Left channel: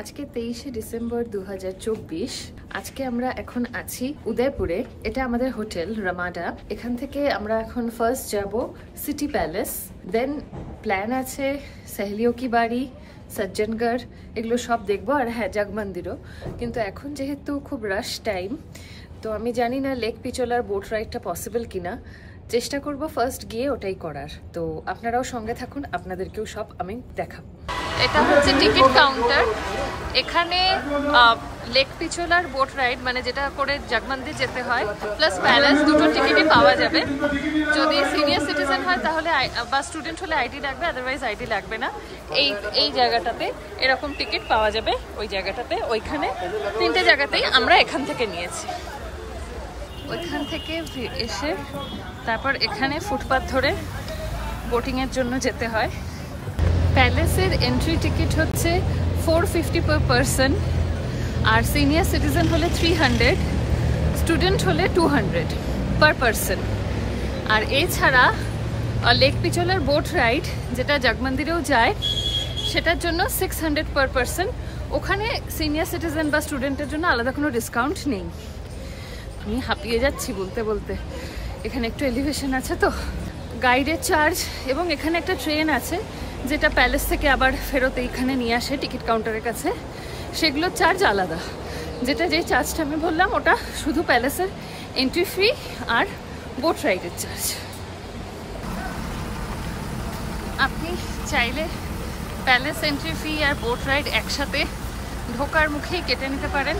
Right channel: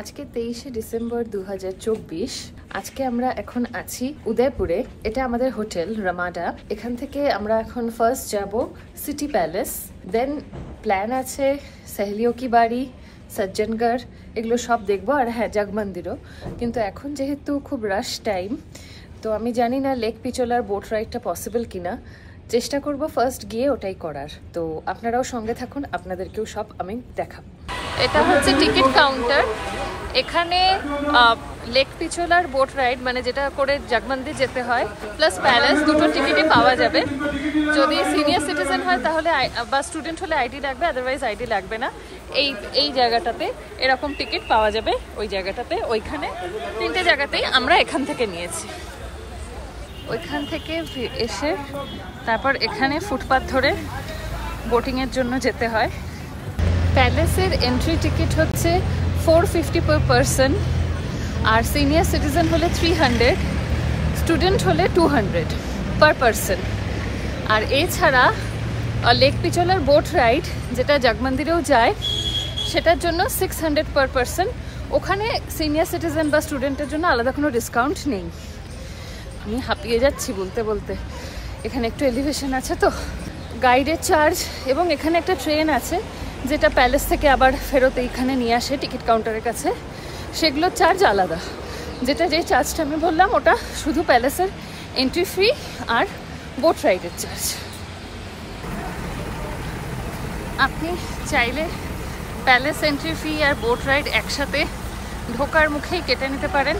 আজকে 23শে ডিসেম্বর 2024। আজকে আমরা এখন আছি উদয়পুরে। এটা আমাদের হোটেল রামাডা। এখান থেকে আমরা এখন ফার্স্ট যাব সিটি প্যালেস, দেন প্ল্যান আছে সহেলিও কি বাড়ি, সজ্জনগড়, এগুলো সব দেখবো। আর হ্যাঁ, জগমন্দিরও। কিন্তু এখন যেহেতু খুব রাশ টাইম, তো আমি জানি না লেক পিচোলার বোট রাইডটা পসিবল কিনা। চেষ্টা করব ফার্স্ট গিয়ে ওটাই করার। তো আপনারাও সঙ্গে থাকুন, আপনাদেরকেও সব আমি দেখাবো। এটা হচ্ছে টিকিট কাউন্টার। এখানে লেক পিচোলার বোট রাইড, মানে যেটা করে জগমন্দির যেতে হয়, প্লাস প্যালেস, দুটো টিকিটই পাওয়া যাবে। যদি সিনিয়র সিটিজেন হয় তাহলে বা স্টুডেন্ট হলে আইডি লাগবে, আদারওয়াইজ আইডি লাগবে না। এই জায়গাটাতে এরকম টিকিট পাওয়া যাবে। ওই জায়গাটাতে, ওইখানে তিনটে জায়গাতেই আমরা এখান থেকে নিয়েছি। ওইখান থেকে এসে তারপর এখানে ফুটপাথ ধরে বোটিংয়ের জন্য যেতে হয়। প্যালেসের এন্ট্রি টিকিট হচ্ছে 450 পার পারসন, আর সিনিয়র সিটিজেন হলে 300, স্টুডেন্ট হলে 200 পার পারসন। আর এছাড়া লেক পিচোলার বোট রাইড, যেটা জগমন্দিরেও যায়, সেটার জন্য 600 পার পারসন। ওখানে সিনিয়র সিটিজেন বা স্টুডেন্টের জন্য আলাদা কোনো ডিসকাউন্ট নেই। আমি হাঁপিয়ে যাচ্ছি বলতে বলতে। এখানে একটু এলিভেশন আছে তো। গাইডের চার্জ, এবং এখানে একটা ট্রেন আছে যেটা প্যালেস থেকে আবার ফেরত এইখানে নিয়ে আসে টিকিট কাউন্টারের কাছে, সেগুলোর চার্জ আলাদা। যে চার্জটা আমি বললাম, ওটা শুধু প্যালেসের এন্ট্রি ফি আর বোট রাইডের চার্জ। আপনি চাইলে প্যালেস এন্ট্রি ফি আর বোট রাইড একসাথে ঢোকার মুখেই কেটে নিতে পারেন,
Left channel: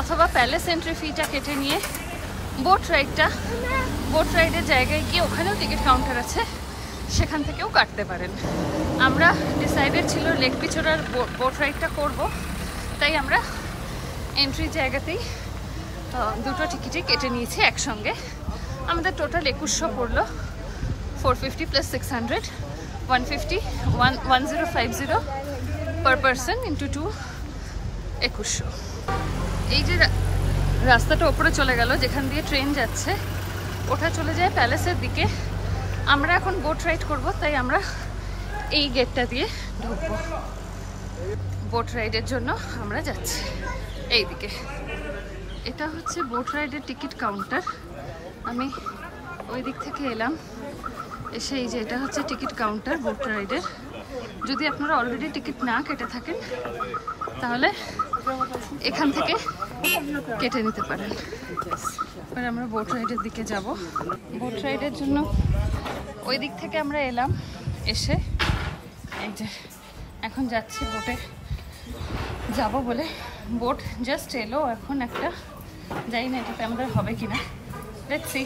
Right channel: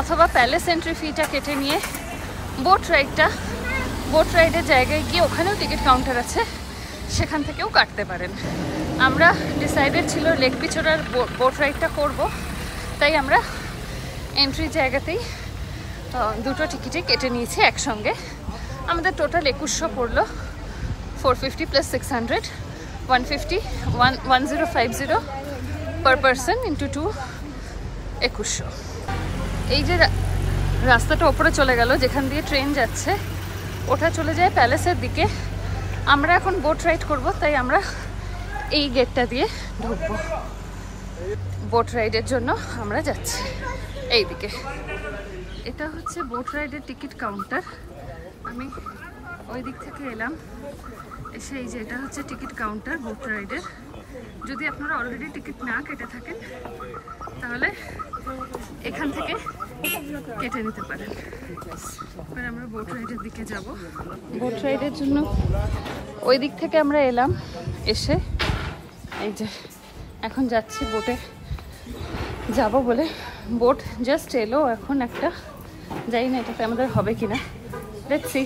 অথবা প্যালেস এন্ট্রি ফিটা কেটে নিয়ে বোট রাইডের জায়গায় গিয়ে, ওখানেও টিকিট কাউন্টার আছে, সেখান থেকেও কাটতে পারেন। আমরা ডিসাইডেড ছিল লেক পিচোলার বোট রাইডটা করব, তাই আমরা এন্ট্রি জায়গাতেই দুটো টিকিটই কেটে নিয়েছি একসঙ্গে। আমাদের টোটাল 2100 পড়লো। 450 প্লাস 600, 1050 পার পারসন ইন্টু 2, 2100। এই যে রাস্তাটা ওপরে চলে গেল, যেখান দিয়ে ট্রেন যাচ্ছে, ওটা চলে যায় প্যালেসের দিকে। আমরা এখন বোট রাইড করব, তাই আমরা এই গেটটা দিয়ে ঢুকবো। বোট রাইডের জন্য আমরা যাচ্ছি এই দিকে। এটা হচ্ছে বোট রাইডের টিকিট কাউন্টার। আমি ওই দিক থেকে এলাম, এসে এই যে এটা হচ্ছে টিকিট কাউন্টার বোট রাইডের। যদি আপনারা অলরেডি টিকিট না কেটে থাকেন তাহলে এখান থেকে কেটে নিতে পারেন। এবার আমরা বোট রাইডের দিকে যাব। বোট রাইডের জন্য ওই দিক থেকে আমরা এলাম, এসে এই যে এখন যাচ্ছি বোটে যাব বলে। বোট জাস্ট এলো এখন একটা, জানি না এটাতে আমাদের হবে কিনা, লেটস সি।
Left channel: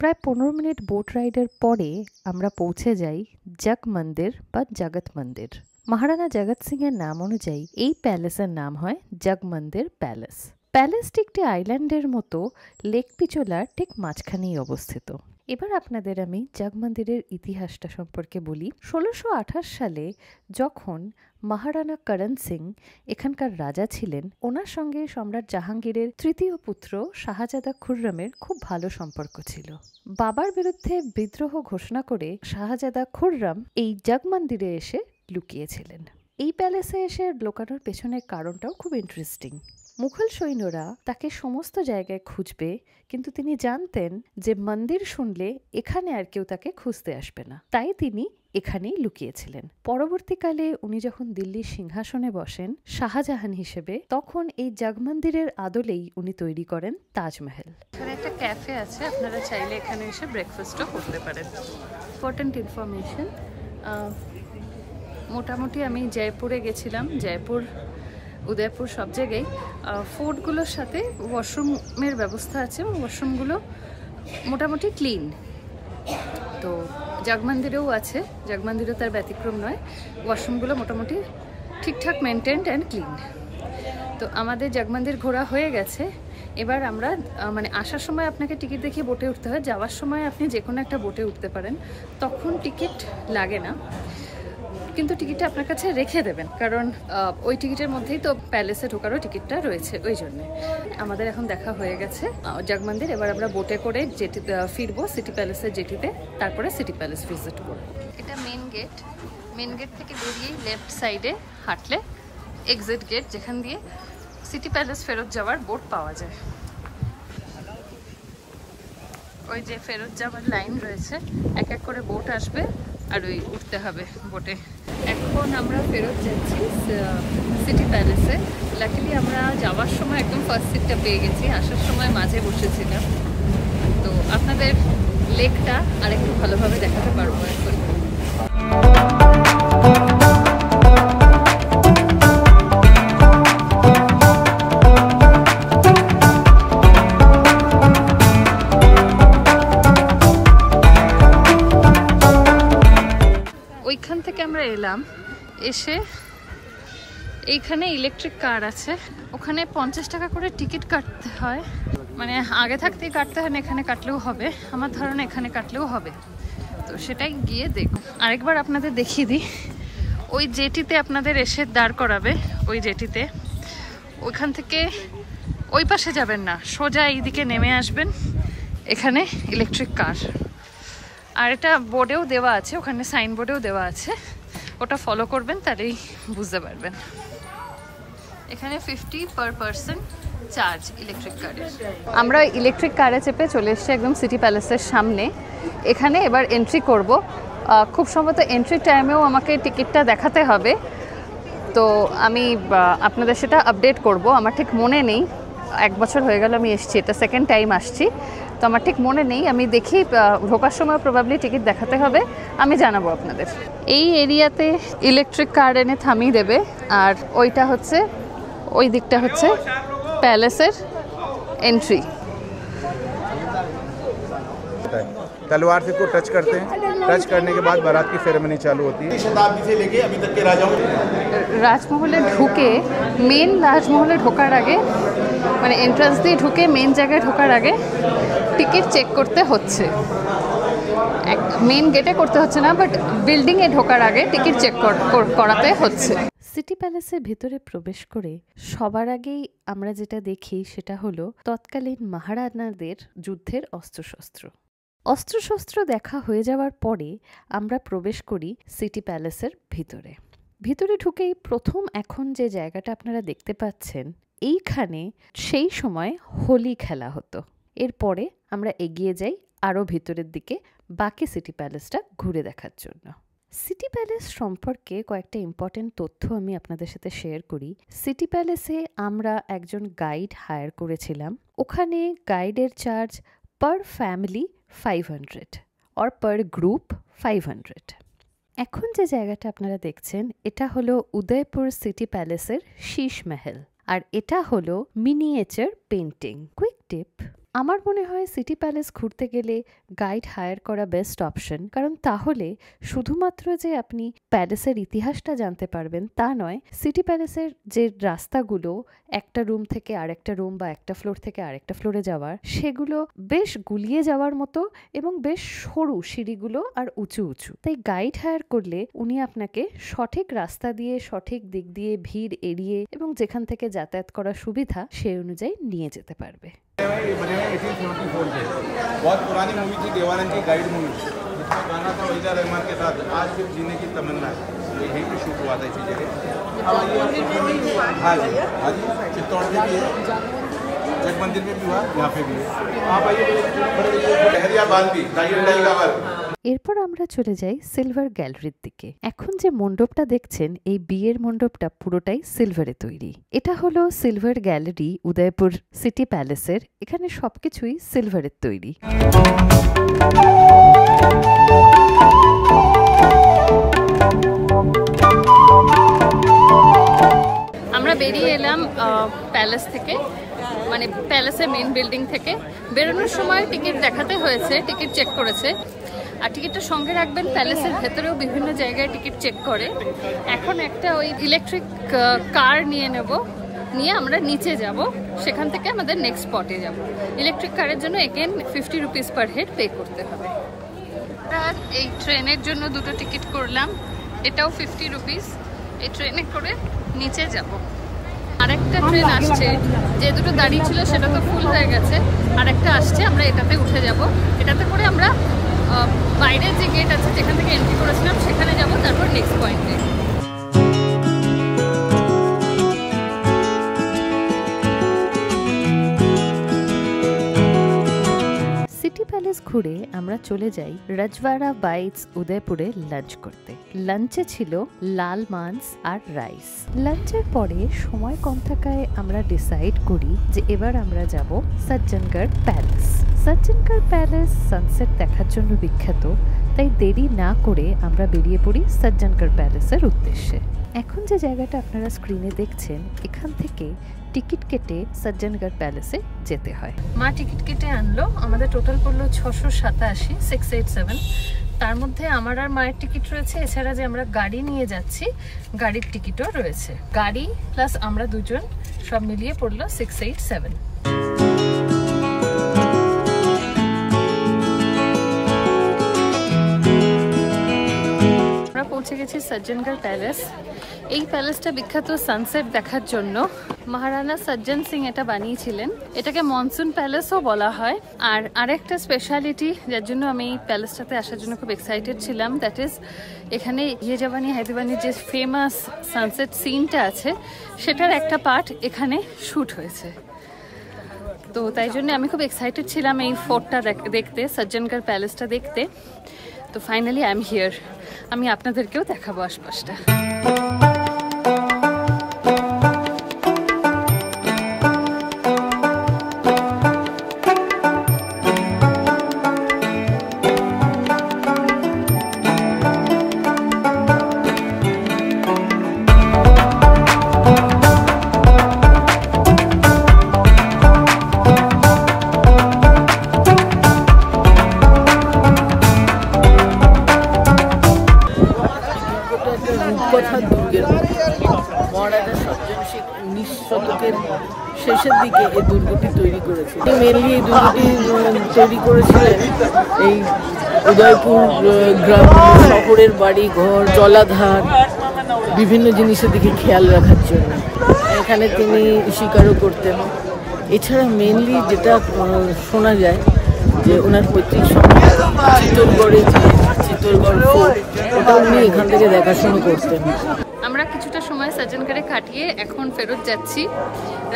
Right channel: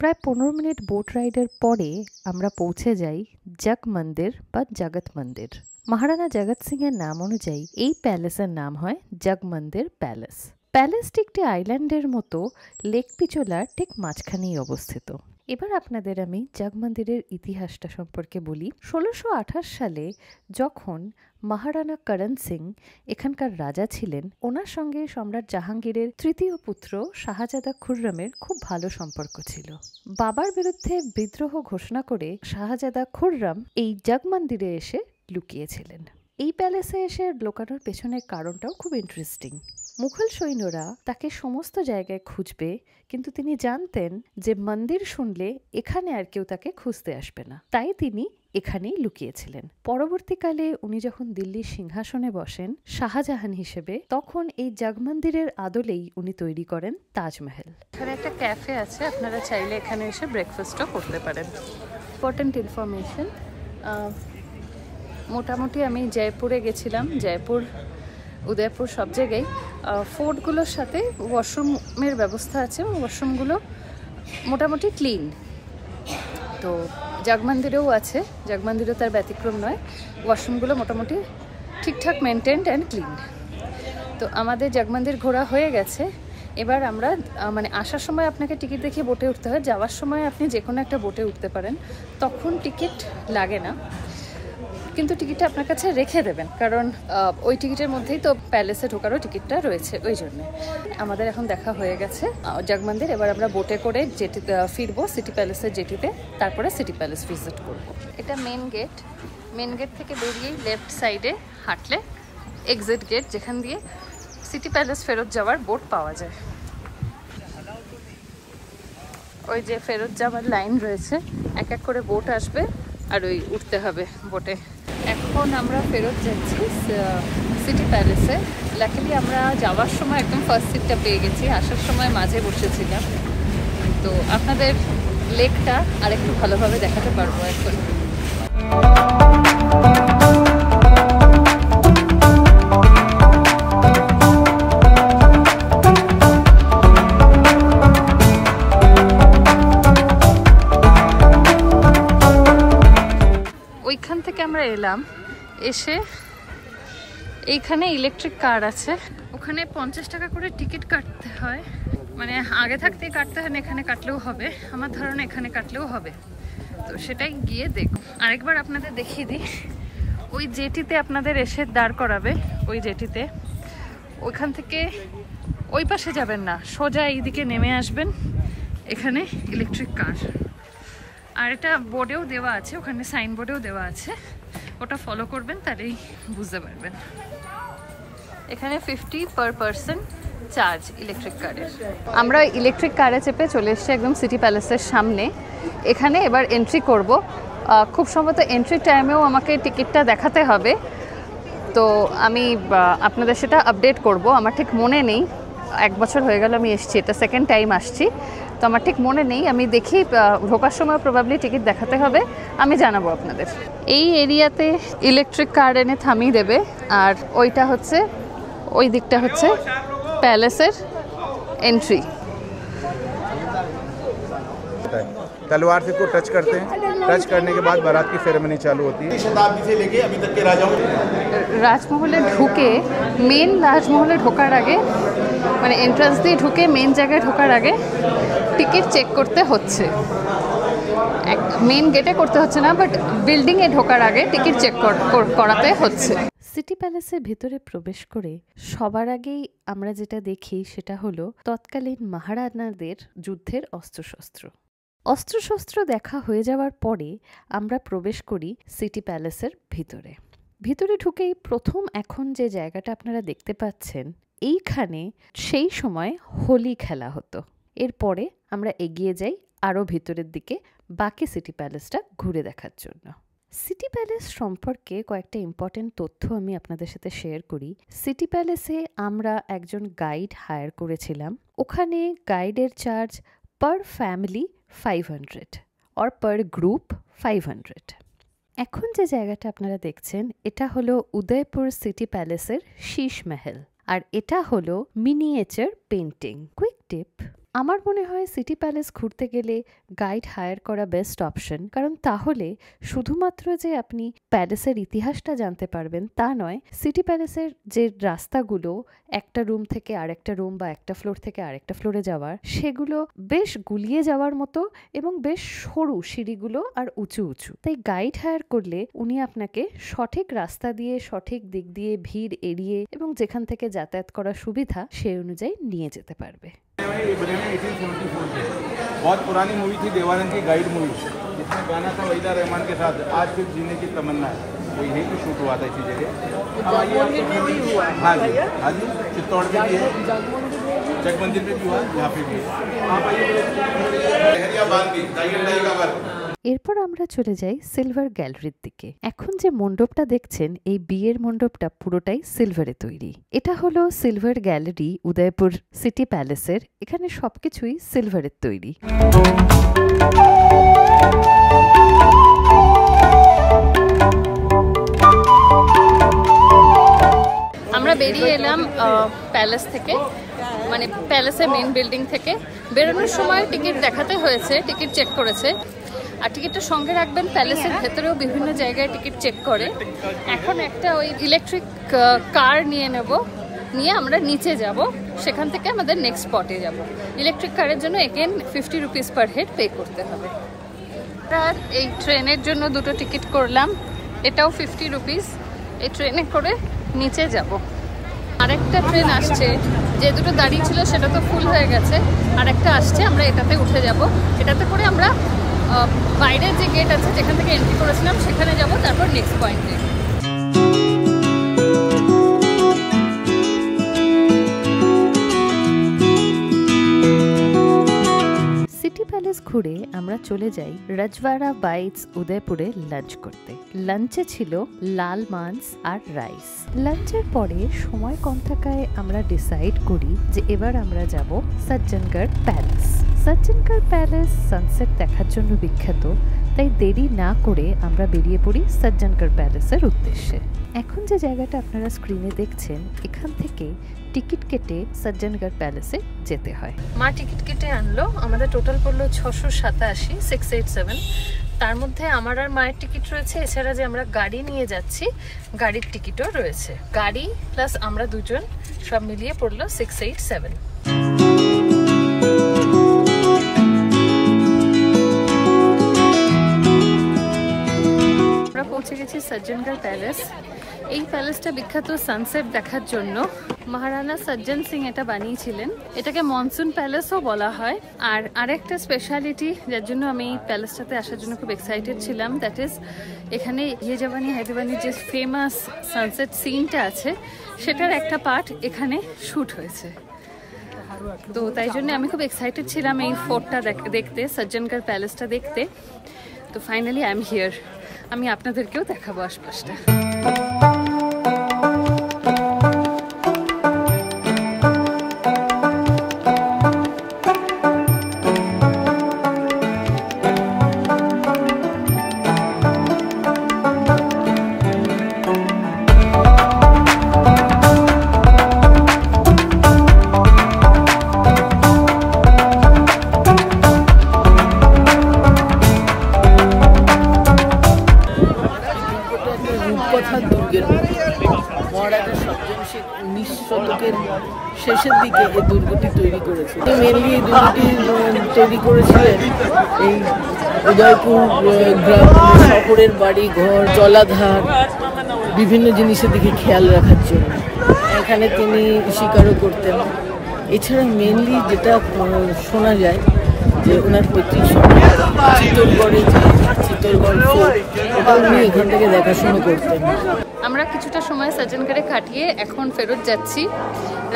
প্রায় 15 মিনিট বোট রাইডের পরে আমরা পৌঁছে যাই জগমন্দির বা জগৎ মন্দির। মহারানা জগৎ সিং এর নাম অনুযায়ী এই প্যালেসের নাম হয় জগমন্দির প্যালেস। প্যালেসটি একটি আইল্যান্ডের মতো লেক পিচোলার ঠিক মাঝখানেই অবস্থিত। এবার আপনাদের আমি জগমন্দিরের ইতিহাসটা সম্পর্কে বলি। 1628 সালে যখন মহারানা করণ সিং এখানকার রাজা ছিলেন, ওনার সঙ্গে সম্রাট জাহাঙ্গীরের তৃতীয় পুত্র শাহজাদা খুররমের খুব ভালো সম্পর্ক ছিল। বাবার বিরুদ্ধে বিদ্রোহ ঘোষণা করে শাহজাদা খুররম এই জগমন্দিরে এসে লুকিয়েছিলেন। এই প্যালেসে এসে লুকানোর পেছনের কারণটাও খুব ইন্টারেস্টিং। মুঘল সৈন্যরা তাকে সমস্ত জায়গায় খুঁজবে, কিন্তু তিনি জানতেন যে মন্দির শুনলে এখানে আর কেউ তাকে খুঁজতে আসবে না, তাই তিনি এখানেই লুকিয়েছিলেন। পরবর্তীকালে উনি যখন দিল্লির সিংহাসনে বসেন শাহজাহান হিসেবে, তখন এই জগমন্দিরের আদলেই উনি তৈরি করেন তাজমহল। এখানে একটা ক্যাফে আছে, আপনারা চাইলে এখানে এসে ব্রেকফাস্টও করতে পারেন। ইম্পর্টেন্ট ইনফরমেশন, মোটামুটি আমি জয়পুরে গেছিলাম, জয়পুর, উদয়পুর সব জায়গায় ফোর্টগুলোর সাথে ওয়াশরুমের ব্যবস্থা আছে, ওয়াশরুমগুলো মোটামুটি ক্লিন। তো জগমন্দিরেও আছে, জগমন্দিরেও তার ব্যতিক্রম নয়, ওয়াশরুমগুলো মোটামুটি ঠিকঠাক মেনটেন্ড অ্যান্ড ক্লিন। তো আমাদের জগমন্দির ঘোরা হয়ে গেছে। এবার আমরা মানে আসার সময় আপনাকে টিকিট দেখিয়ে বোটে উঠতে হয়, যাওয়ার সময় আপনি যে কোনো একটা বোটে উঠতে পারেন, তখন টিকিট লাগে না, কিন্তু টিকিটটা আপনার কাছে রেখে দেবেন, কারণ ওই টিকিটের মধ্যেই তো প্যালেসে ঢোকারও টিকিটটা রয়েছে। ওই জন্যে আমাদের এখন দেখা হয়ে গেছে জগমন্দির। এবার আমরা বোটে করে জেটিতে ফিরবো, সিটি প্যালেসের জেটিতে, তারপরে সিটি প্যালেস ভিজিট করবো। এটা মেন গেট। মেন গেট থেকে বেরিয়েই লেফট সাইডে হাঁটলে এক্সিট গেট, যেখান দিয়ে সিটি প্যালেস ফেরত যাওয়ার বোট পাওয়া যায়। ওই যে ফেরত যাওয়ার লাইন রয়েছে, এক এক করে বোট আসবে আর ওই উঠতে হবে বোটে। এখন আমরা ফেরত যাচ্ছি সিটি প্যালেসে। লাকিলি আমরা যাওয়ার সময় একদম ফার্স্ট সিটটা পেয়ে গেছি, আসার সময় মাঝে বসেছিলাম, তো আপনাদের লেকটা আর একটু ভালোভাবে দেখাতে পারবো এখন। ওইখান থেকে আমরা এলাম, এসে এইখানে ইলেকট্রিক কার আছে, ওখানে 50 টাকা করে টিকিট কাটতে হয়, মানে আগে থাকতেই কাটতে হয় না, এখানে কাটলেও হবে, আমার ধারণা এখানে কাটলেও হবে, তো সেটাই গিয়ে দেখুন। আরেকবার আপনাদের দেখিয়ে দিই, ওই জেটিতে আপনাদের এসে দাঁড় করাবে, ওই জেটিতে, ওইখান থেকে ওই পাশে যাবেন না, সোজা এইদিকে নেমে আসবেন, এখানে ইলেকট্রিক কার। আর এটা বোর্ডেও দেওয়া আছে, ওখানে সাইনবোর্ডেও দেওয়া আছে, ওটা ফলো করবেন, তাহলেই বুঝতে পারবেন। এখানে 50 পার পারসন চার্জ ইলেকট্রিক কারের। আমরা ইলেকট্রিক কারে চেপে চলে এসেছি একদম সিটি প্যালেসের সামনে। এখানে এবার এন্ট্রি করব। খুব সম্ভবত এন্ট্রি টাইমেও আমাকে টিকিটটা দেখাতে হবে, তো আমি আপনাদের সেটা আপডেট করব। আমার ঠিক মনে নেই, 1 বছর হয়ে গেল আমি এসেছি, এটা সেকেন্ড টাইম আসছি, তো আমার ঠিক মনে নেই। আমি দেখি ঢোকার সময় প্রবাবলি টিকিট দেখাতে হবে, আমি জানাবো আপনাদের। এই এরিয়াতে ইলেকট্রিক কার এনে থামিয়ে দেবে, আর ওইটা হচ্ছে, ওই দিকটা হচ্ছে প্যালেসের এন্ট্রি। तलवार से को टच करते हैं, टच करने के बाद बारात की सेरेमनी चालू होती है। शताब्दी से लेके अभी तक के राजाओं রাজমহলে ঢুকে, মেন রাজমহলে ঢোকার আগে, মানে এন্ট্রান্স দিয়ে ঢুকে মেন জায়গায় ঢোকার আগে টিকিট চেক করতে হচ্ছে। মেন গেটে করতে হচ্ছে না, বাট বিল্ডিংয়ে ঢোকার আগে টিকিট চেক করাতে হচ্ছে। সিটি প্যালেসের ভেতরে প্রবেশ করে সবার আগেই আমরা যেটা দেখি সেটা হলো তৎকালীন মহারানাদের যুদ্ধের অস্ত্রশস্ত্র দেখা হয়ে যাওয়ার পরে আমরা প্রবেশ করি সিটি প্যালেসের ভিতরে ঢুকেই প্রথম এখন যে জায়গাটা আপনারা দেখতে পাচ্ছেন, এইখানে সেই সময় হোলি খেলা হতো। এরপরে আমরা এগিয়ে যাই আরও ভিতরের দিকে বাকি সিটি প্যালেসটা ঘুরে দেখার জন্য। সিটি প্যালেস সম্পর্কে কয়েকটা ইম্পর্টেন্ট তথ্য আমি আপনাদের সাথে শেয়ার করি। সিটি প্যালেসে আমরা একজন গাইড হায়ার করেছিলাম। ওখানে গাইডের চার্জ পার ফ্যামিলি 500 আর পার গ্রুপ 500। এখন যে জায়গাটা আপনারা দেখছেন এটা হলো উদয়পুর সিটি প্যালেসের শীশ মহল, আর এটা হলো মিনিয়েচার পেন্টিং। কুইক টিপ, আমার মনে হয় সিটি প্যালেস ঘুরতে গেলে গাইড হায়ার করা বেস্ট অপশন, কারণ তাহলে শুধুমাত্র যে আপনি প্যালেসের ইতিহাসটা জানতে পারবেন তা নয়, সিটি প্যালেসের যে রাস্তাগুলো একটা রুম থেকে আরেকটা রুম বা একটা ফ্লোর থেকে আরেকটা ফ্লোরে যাওয়ার, সেগুলো বেশ গুলিয়ে যাওয়ার মতো এবং বেশ সরু সিঁড়িগুলো আর উঁচু উঁচু। তাই গাইড হায়ার করলে উনি আপনাকে সঠিক রাস্তা দিয়ে, সঠিক দিক দিয়ে, ভিড় এড়িয়ে এবং যেখান থেকে যাতায়াত করার সুবিধা সেই অনুযায়ী নিয়ে যেতে পারবে। ये बने हैं 1874 के। बहुत पुरानी मूवी थी, देवानंद की गाइड मूवी, गाना था वहीदा रहमान के साथ, आज फिर जीने की तमन्ना, यही भी शूट हुआ था इसी जगह। हाँ जी, चित्तौड़ के भी है, जगमंदिर में भी हुआ, यहाँ पे भी है। এরপর আমরা চলে যাই সিলভার গ্যালারির দিকে। এখন যে মণ্ডপটা দেখছেন, এই বিয়ের মণ্ডপটা পুরোটাই সিলভারে তৈরি। এটা হলো সিলভার গ্যালারি উদয়পুর সিটি প্যালেসের। এখানে সবকিছুই সিলভারের তৈরি। আমরা বেরিয়ে এলাম প্যালেস থেকে, মানে প্যালেসের মেন বিল্ডিং থেকে। বেরোনোর সময় টিকিট দেখাতে হয়েছে, টিকিট চেক করেছে, আর টিকিটটা সঙ্গে রাখবেন। প্যালেসের ভেতরেও বিভিন্ন জায়গায় টিকিট চেক করে। এখন একটা ওই ইলেকট্রিক কার নিয়ে নেব, নিয়ে আমরা নিচে যাব, সেখান থেকে আমাদের নেক্সট স্পটে যাব। ইলেকট্রিক কারের জন্য again 50 rupees per head pay করতে হবে। আমরা এই ট্রেনের জন্য দুটো টিকিট করলাম, এটাও 50 রুপিস। এই ট্রেনে করে নিচে যাব। আরেকটা ট্রেন আসছে, যে দুটো দাঁড়িয়ে ছিল সেটা তো ফুল হয়ে গেছে, আরেকটা আসছে, আমরা এটাতে উঠে যাব। এটাতে করে আমরা বাইরের যে গেট আছে যেখান থেকে এন্ট্রি করেছিলাম সেখানে যাব, তারপর নেক্সট পয়েন্টে। সিটি প্যালেস ঘুরে আমরা চলে যাই রাজওয়াড়া বাইটস উদয়পুরে লাঞ্চ করতে। লাঞ্চে ছিল লাল মাছ আর রাইস। লাঞ্চের পরে সময় কম থাকায় আমরা ডিসাইড করি যে এবার আমরা যাব Sajjangarh palace. Sajjangarh palace sunset দেখার জন্য বিখ্যাত, তাই দেরি না করে আমরা বেরিয়ে পড়ি সজ্জনগড় প্যালেসের উদ্দেশ্যে। এখন যে জায়গাটা আপনারা স্ক্রিনে দেখছেন, এখান থেকে টিকিট কেটে সজ্জনগড় প্যালেসে যেতে হয়। মা টিকিট কেটে আনলো, আমাদের টোটাল পড়লো 687, 687। তার মধ্যে আমার আর মায়ের টিকিট রয়েছে, এছাড়া যে আমরা গাড়ি নিয়ে যাচ্ছি গাড়ির টিকিটও রয়েছে। গাড়ি প্লাস আমরা দুজন সব মিলিয়ে পড়লো 687। আমরা পৌঁছে গেছি সজ্জনগড় প্যালেস। এই প্যালেসটা বিখ্যাত সানসেট দেখার জন্য। মহারানা সজ্জন সিং এটা বানিয়েছিলেন। এটাকে মনসুন প্যালেসও বলা হয়। আর আরেকটা স্পেশালিটি যার জন্য আমি এই প্যালেসটাতে আসার জন্য খুব এক্সাইটেড ছিলাম, দ্যাট ইজ এখানে ইয়ে জাবানি হায় দিওয়ানির যে ফেমাস সানসেট সিনটা আছে সেটার একটা পার্ট এখানে শ্যুট হয়েছে। তো তাই জন্য আমি খুব এক্সাইটেড ছিলাম এই ফোর্টটা দেখতে, সজ্জনগড় প্যালেসটা দেখতে। তো ফাইনালি আই এম হিয়ার। আমি আপনাদেরকেও দেখাবো আশপাশটা। রূপকথার দুর্গের মতো। মহারাজা সজ্জন সিং 19 শতকের শেষের দিকে এই দুর্গটি তৈরি করেছিলেন। মেনলি এই দুর্গটি তৈরি করেছিলেন এই উদয়পুর গ্রাম শহরের বাড়ি ঘর জলাধার বিভিন্ন জিনিসের দিকে খেয়াল রাখার জন্য। এখানে তিনি শিকারও করতেন। এছাড়া মেনলি যেটা শোনা যায় যে ওনার পৈতৃক চিত্তরগড়ে চিত্তরগড় ফোর্ট, ওটা উনি এখান থেকে দেখাশোনা করতেন। আমরা কিছুটা সময় সজ্জনগড়ে কাটিয়ে এখন ফেরত যাচ্ছি।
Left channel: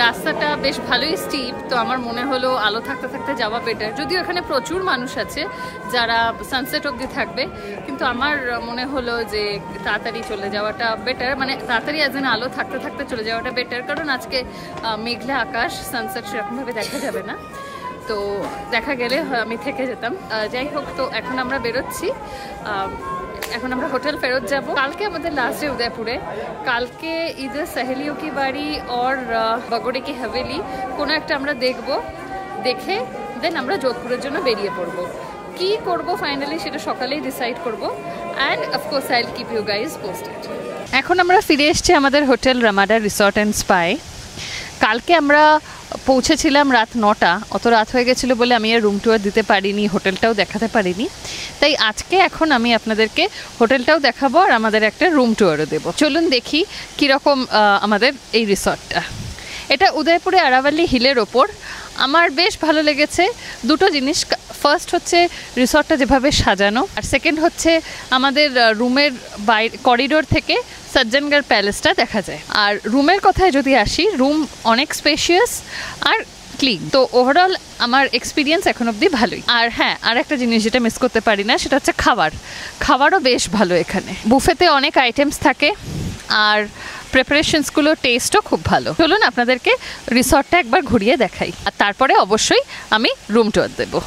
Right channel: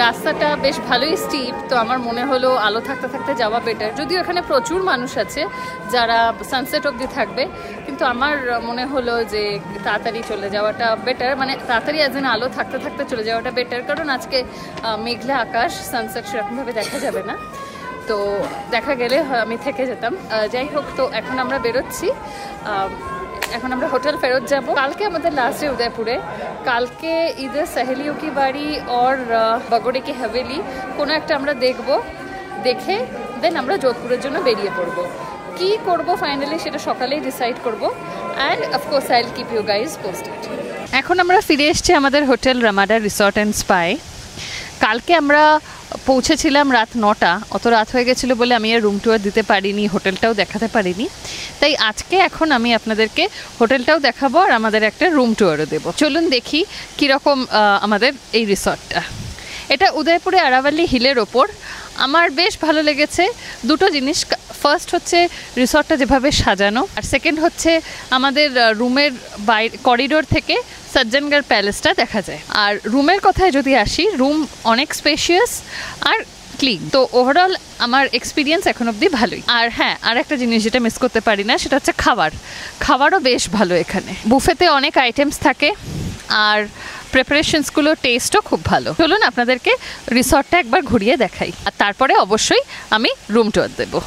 রাস্তাটা বেশ ভালোই স্টিপ, তো আমার মনে হলো আলো থাকতে থাকতে যাওয়া বেটার। যদিও এখানে প্রচুর মানুষ আছে যারা সানসেট অবধি থাকবে, কিন্তু আমার মনে হলো যে তাড়াতাড়ি চলে যাওয়াটা বেটার, মানে তাড়াতাড়ি অ্যাজ এন আলো থাকতে থাকতে চলে যাওয়াটা বেটার, কারণ আজকে মেঘলা আকাশ, সানসেট সেরকমভাবে দেখা যাবে না। তো দেখা গেলে আমি থেকে যেতাম। যাই হোক, তো এখন আমরা বেরোচ্ছি। এখন আমরা হোটেল ফেরত যাব। কালকে আমাদের লাস্ট ডে উদয়পুরে। কালকে ইদার সহেলিও কি বাড়ি और বগড়ে কি হাভেলি কোনো একটা আমরা দেখব, দেখে দেন আমরা যোধপুরের জন্য বেরিয়ে পড়ব। কি করব ফাইনালি সেটা সকালেই ডিসাইড করব, and of course I will keep you guys posted. এখন আমরা ফিরে এসেছি আমাদের হোটেল রামাডা রিসর্ট অ্যান্ড স্পায়। কালকে আমরা পৌঁছেছিলাম রাত 9টা, অত রাত হয়ে গেছিলো বলে আমি আর রুম ট্যুর দিতে পারিনি, হোটেলটাও দেখাতে পারিনি। তাই আজকে এখন আমি আপনাদেরকে হোটেলটাও দেখাবো আর আমাদের একটা রুম ট্যুরও দেবো। চলুন দেখি কীরকম আমাদের এই রিসর্টটা। এটা উদয়পুরে আরাভালি হিলের ওপর। আমার বেশ ভালো লেগেছে দুটো জিনিস। ফার্স্ট হচ্ছে রিসর্টটা যেভাবে সাজানো, আর সেকেন্ড হচ্ছে আমাদের রুমের করিডোর থেকে সজ্জনগড় প্যালেসটা দেখা যায়। আর রুমের কথায় যদি আসি, রুম অনেক স্পেশিয়াস আর ক্লিন। তো ওভারঅল আমার এক্সপিরিয়েন্স এখন অবধি ভালোই। আর হ্যাঁ, আর একটা জিনিস যেটা মিস করতে পারি না সেটা হচ্ছে খাবারও বেশ ভালো এখানে। বুফেতে অনেক আইটেমস থাকে আর প্রিপারেশনসগুলো টেস্টও খুব ভালো। চলুন আপনাদেরকে রিসর্টটা একবার ঘুরিয়ে দেখাই, আর তারপরে অবশ্যই আমি রুম ট্যুর দেবো।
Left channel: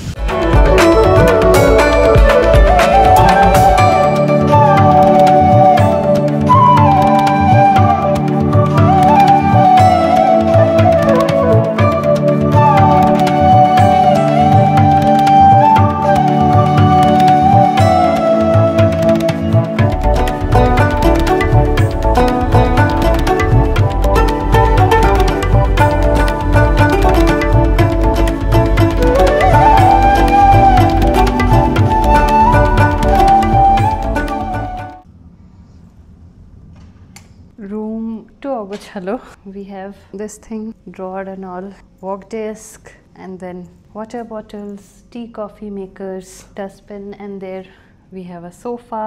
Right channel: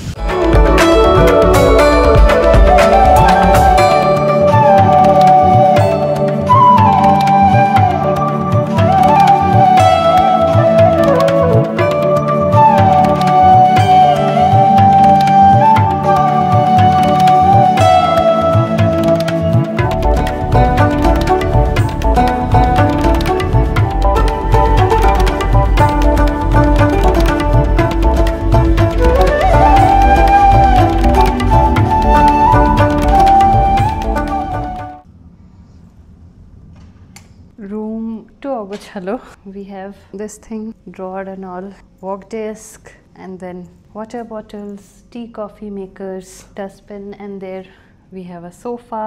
গোছালো। We have this thing, drawer and all, work desk, and then water bottles, tea coffee makers, dustbin, and there we have a sofa.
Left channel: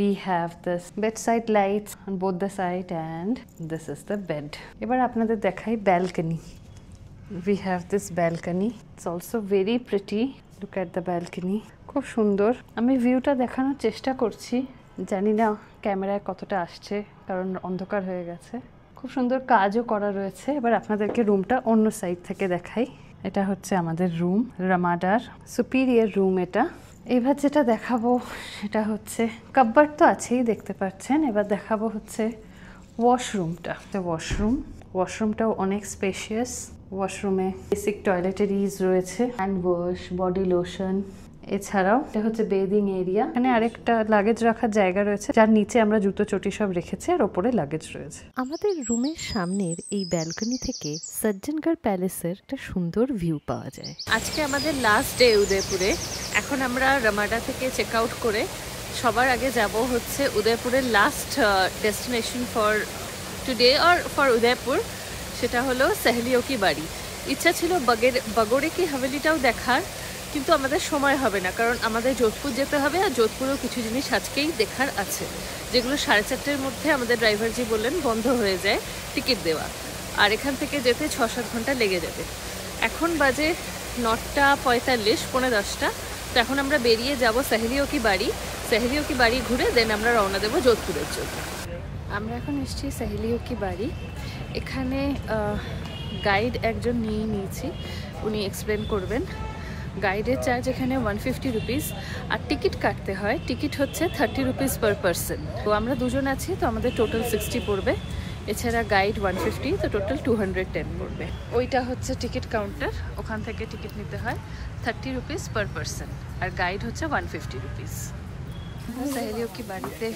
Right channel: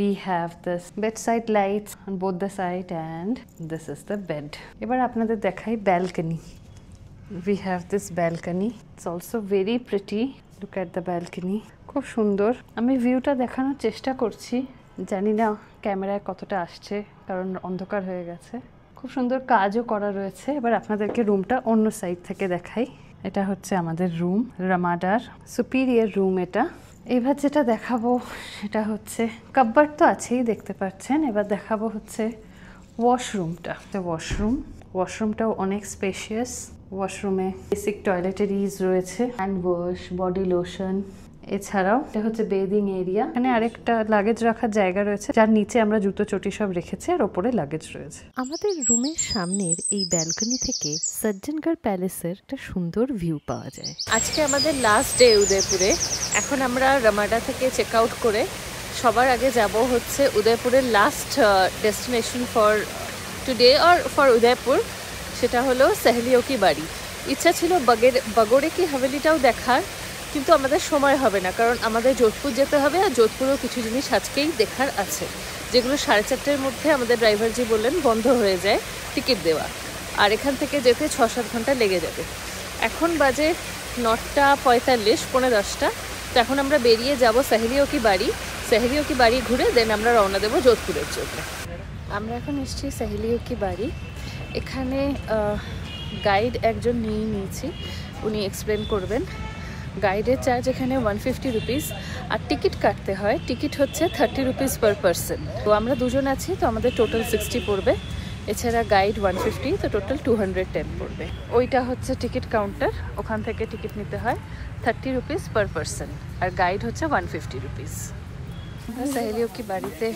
We have this bedside lights on both the side, and this is the bed. এবার আপনাদের দেখাই balcony. We have this balcony. It's also very pretty. Look at the balcony. খুব সুন্দর। আমি ভিউটা দেখানোর চেষ্টা করছি, জানি না ক্যামেরায় কতটা আসছে কারণ অন্ধকার হয়ে গেছে। খুব সুন্দর কাজও করা রয়েছে। এবার আপনাদেরকে রুমটা অন্য সাইড থেকে দেখাই। এটা হচ্ছে আমাদের রুম, রামাডার সুপিরিয়র রুম এটা। এবার যেটা দেখাবো সেটা হচ্ছে কাপবোর্ড তো আছেই দেখতে পাচ্ছেন, এবার দেখাবো হচ্ছে ওয়াশরুমটা। ওয়াশরুমটাও অনেক স্পেশিয়াস। ওয়াশরুমে বেসিক টয়লেটারিজ রয়েছে, হ্যান্ড ওয়াশ, বডি লোশন, এছাড়াও এটা হচ্ছে বেদিং এরিয়া। এখানে আরেকটা লাগেজ রাখার জায়গা রয়েছে, যার নিচে আমরা জুতো চটি সব রেখেছি, আর ওপরে লাগেজ রয়েছে। আমাদের রুমের সামনের এই ব্যালকনি থেকে সজ্জনগড় প্যালেসের একটা সুন্দর ভিউ পাওয়া যায়। আজকে আমাদের লাস্ট ডে উদয়পুরে। এখন আমরা রামাডা থেকে চেক আউট করে সবার আগে যাব হচ্ছে উদয়পুরের last destination for today or for Udaipur, সেটা হলো সহেলিও কি বাড়ি। ইচ্ছা ছিল বাগোড়ে কি হাভেলিটাও দেখার, কিন্তু আমাদের সময় হবে না, কারণ আমাদের যোধপুর যেতে হবে, আর যোধপুরেও কিছু জিনিস আজকেই দেখার আছে, যেগুলো 4:30-র মধ্যে আমাদের ড্রাইভারজি বললেন বন্ধ হয়ে যায় টিকিট দেওয়া, আর এখান থেকে যেতে 6-7 ঘন্টা লেগে যাবে। এখন বাজে 9:45, 9:45। তো এখন আমরা বেরিয়ে যাব সহেলিও কি বাড়ি ঘুরে দেন আমরা রওনা দেবো যোধপুরের জন্য। আমরা এখন এসেছি সহেলিও কি বাড়ি। এখানে গাইড একজন নিয়েছি, উনি এক্সপ্লেন করবেন। গাইডের চার্জ এখানে 150 রুপিস, আর টিকিট কাটতে হয়। টিকিট হচ্ছে 30 রুপিস পার পারসন। তো আমরা দুজন আছি, তো আমাদের টোটাল 60 পড়বে। এছাড়া গাইড 150, তো টোটাল 210 পড়বে। ওইটা হচ্ছে টিকিট কাউন্টার, ওখান থেকে টিকিট নিতে হয় 30 রুপিস পার পারসন, আর গাইড হচ্ছে 150 রুপিস। সহেলিও কি বাড়িতে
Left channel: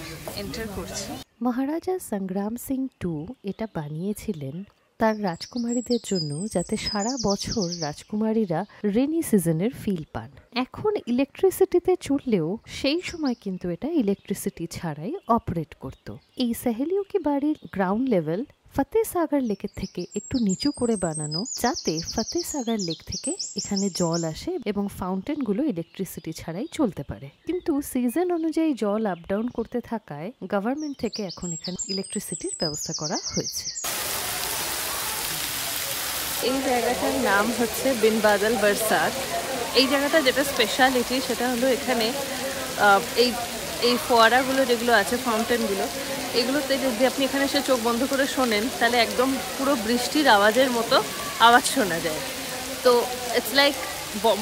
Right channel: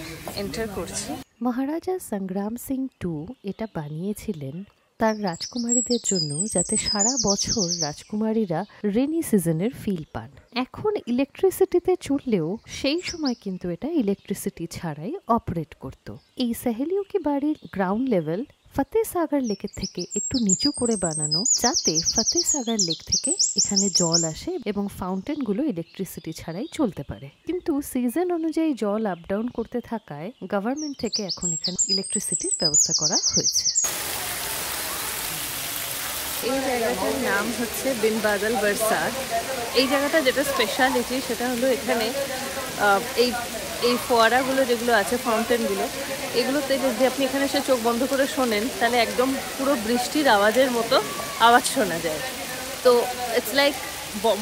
এন্টার করছি। মহারাজা সংগ্রাম সিং II এটা বানিয়েছিলেন তার রাজকুমারীদের জন্য, যাতে সারা বছর রাজকুমারীরা রেনি সিজনের ফিল পান। এখন ইলেকট্রিসিটিতে চললেও সেই সময় কিন্তু এটা ইলেকট্রিসিটি ছাড়াই অপারেট করত। এই সহেলিও কি বাড়ির গ্রাউন্ড লেভেল ফতেসাগর লেকের থেকে একটু নিচু করে বানানো, যাতে ফতেসাগর লেক থেকে এখানে জল আসে এবং ফাউন্টেনগুলো ইলেকট্রিসিটি ছাড়াই চলতে পারে। কিন্তু সিজন অনুযায়ী জল আপ ডাউন করতে থাকায় গভর্নমেন্ট থেকে এখন এখানে ইলেকট্রিসিটির ব্যবস্থা করা হয়েছে। এই জায়গাটার নাম হচ্ছে বিন বাদল বরসাত। এই জায়গাটা যেটা স্পেশালিটি সেটা হলো এখানে এই ফোয়ারাগুলো যেগুলো আছে, ফাউন্টেনগুলো, এগুলোতে যদি আপনি এখানে এসে চোখ বন্ধ করে শোনেন তাহলে একদম পুরো বৃষ্টির আওয়াজের মতো আওয়াজ শোনা যায়। তো ইটস লাইক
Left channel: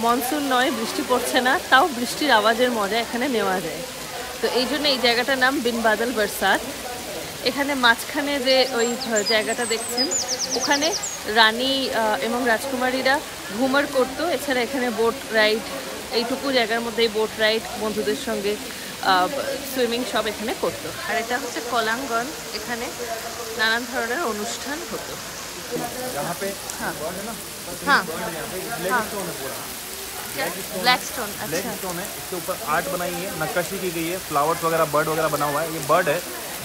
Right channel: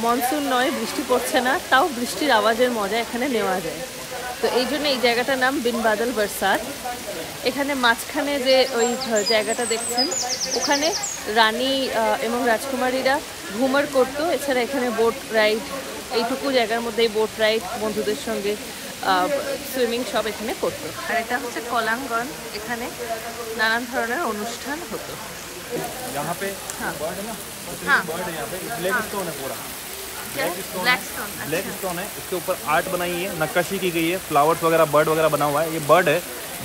মনসুন নয়, বৃষ্টি পড়ছে না, তাও বৃষ্টির আওয়াজের মজা এখানে নেওয়া যায়। তো এই জন্য এই জায়গাটার নাম বিন বাদল বরসাত। এখানে মাঝখানে যে ওই জায়গাটা দেখছেন, ওখানে রানী এবং রাজকুমারীরা ঘুমার করতো। এছাড়া এখানে বোট রাইড, এইটুকু জায়গার মধ্যেই বোট রাইড, বন্ধুদের সঙ্গে সুইমিং সব এখানে করতো। আর এটা হচ্ছে কলাঙ্গন, এখানে নানান ধরনের অনুষ্ঠান হতো। হ্যাঁ হ্যাঁ ब्लैक स्टोन है, इसके ऊपर आर्ट बनाई है, नक्काशी की गई है, फ्लावर्स वगैरह, बर्ड वगैरह बना हुआ है। ये बर्ड है,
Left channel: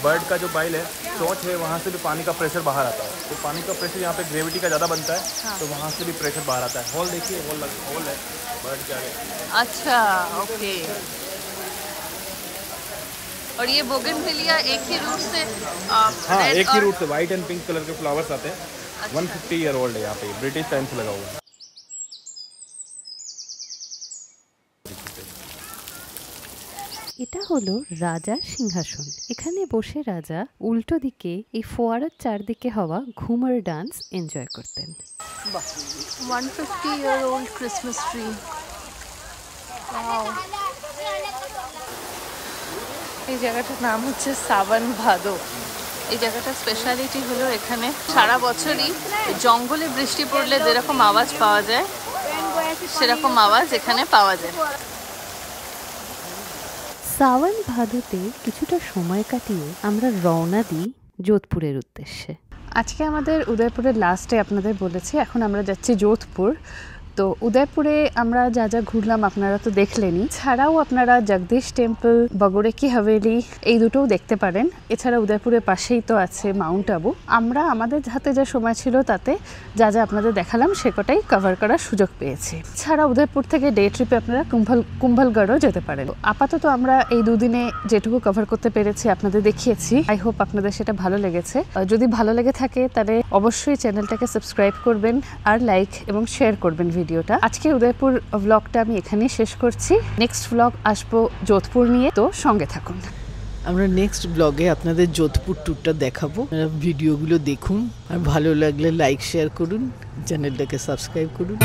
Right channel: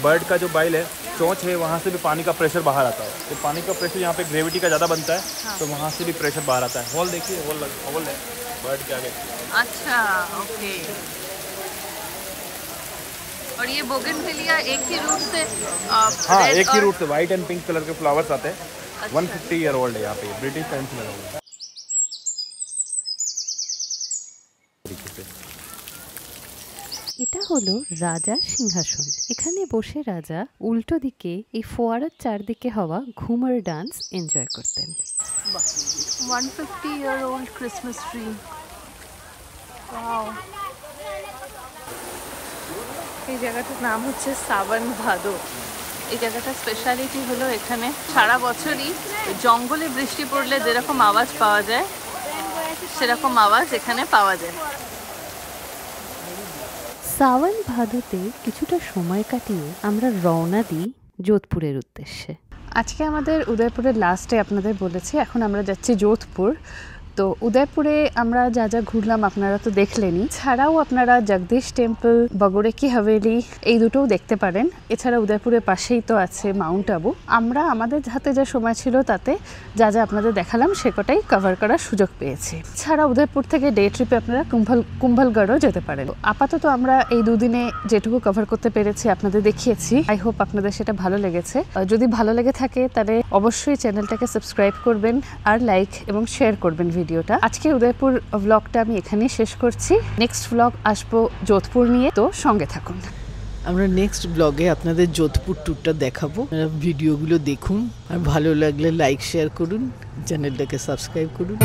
बर्ड का जो बाइल है, चोंच है, वहाँ से भी पानी का प्रेशर बाहर आता है। तो पानी का प्रेशर यहाँ पे ग्रेविटी का ज़्यादा बनता है, तो वहाँ से भी प्रेशर बाहर आता है। हॉल देखिए, हॉल है बर्ड के आगे। अच्छा, ओके। और ये बोगनविलिया एक ही रूट से हाँ, एक ही रूट से व्हाइट एंड पिंक कलर के फ्लावर्स आते हैं। 150 ईयर ओल्ड है यहाँ पे, ब्रिटिश टाइम से लगा हुआ है। এটা হলো রাজার সিংহাসন। এখানে বসে রাজা উল্টো দিকে এই ফোয়ারার চারদিকে হওয়া ঘুমার ডান্স এনজয় করতেন। 150 year old Christmas tree. Wow. এই জায়গাটার নাম হচ্ছে সাবন ভাদো। এই জায়গাটার স্পেশালিটি হলো এখানে সারা বছরই জঙ্গলে বৃষ্টি পড়লে যেরকম আওয়াজ পাওয়া যায় সেরকম আওয়াজ এখানে পাওয়া যায়। সাওন ভাদোতে কিছুটা সময় কাটিয়ে আমরা রওনা দিই যোধপুরের উদ্দেশ্যে। আজকে আমাদের উদয়পুরের লাস্টে আপনাদের বলেছি, এখন আমরা যাচ্ছি যোধপুর। তো উদয়পুরে আমরা যা যা ঘুরলাম আপনারা তো দেখলেনই, ছাড়াও আপনারা জগদীশ টেম্পল, বগরে কি হাভেলি এই দুটোও দেখতে পারেন। এছাড়া উদয়পুরের পাশেই তো আছে মাউন্ট আবু। আমরা আমাদের হাতে যা সময় ছিল তাতে যা যা আপনাদের দেখালাম সেকটাই কভার করার সুযোগ পেয়েছি। ছাড়া উদয়পুর থেকে ডে ট্রিপে আপনারা কুম্ভলগড়ও যেতে পারেন। আপাতত আমরা এই দুদিনে যেটুকু কভার করতে পেরেছি আপনাদের দেখিয়েছি। আই হোপ আপনাদের সেটা ভালো লেগেছে। যদি ভালো লেগে থাকে তাহলে অবশ্যই চ্যানেলটাকে সাবস্ক্রাইব করবেন আর লাইক এবং শেয়ার করবেন ভিডিওটা। আজকে উদয়পুর ব্লগটা আমি এখানেই শেষ করছি। নেক্সট ব্লগ আসবো যোধপুর নিয়ে, তো সঙ্গে থাকুন। আমরা নেক্সট ব্লগে আপনাদের যোধপুর ট্যুরটা দেখাবো। ভিডিওগুলো দেখুন আর ভালো লাগলে লাইক শেয়ার করুন, চ্যানেলটাকে সাবস্ক্রাইব করুন।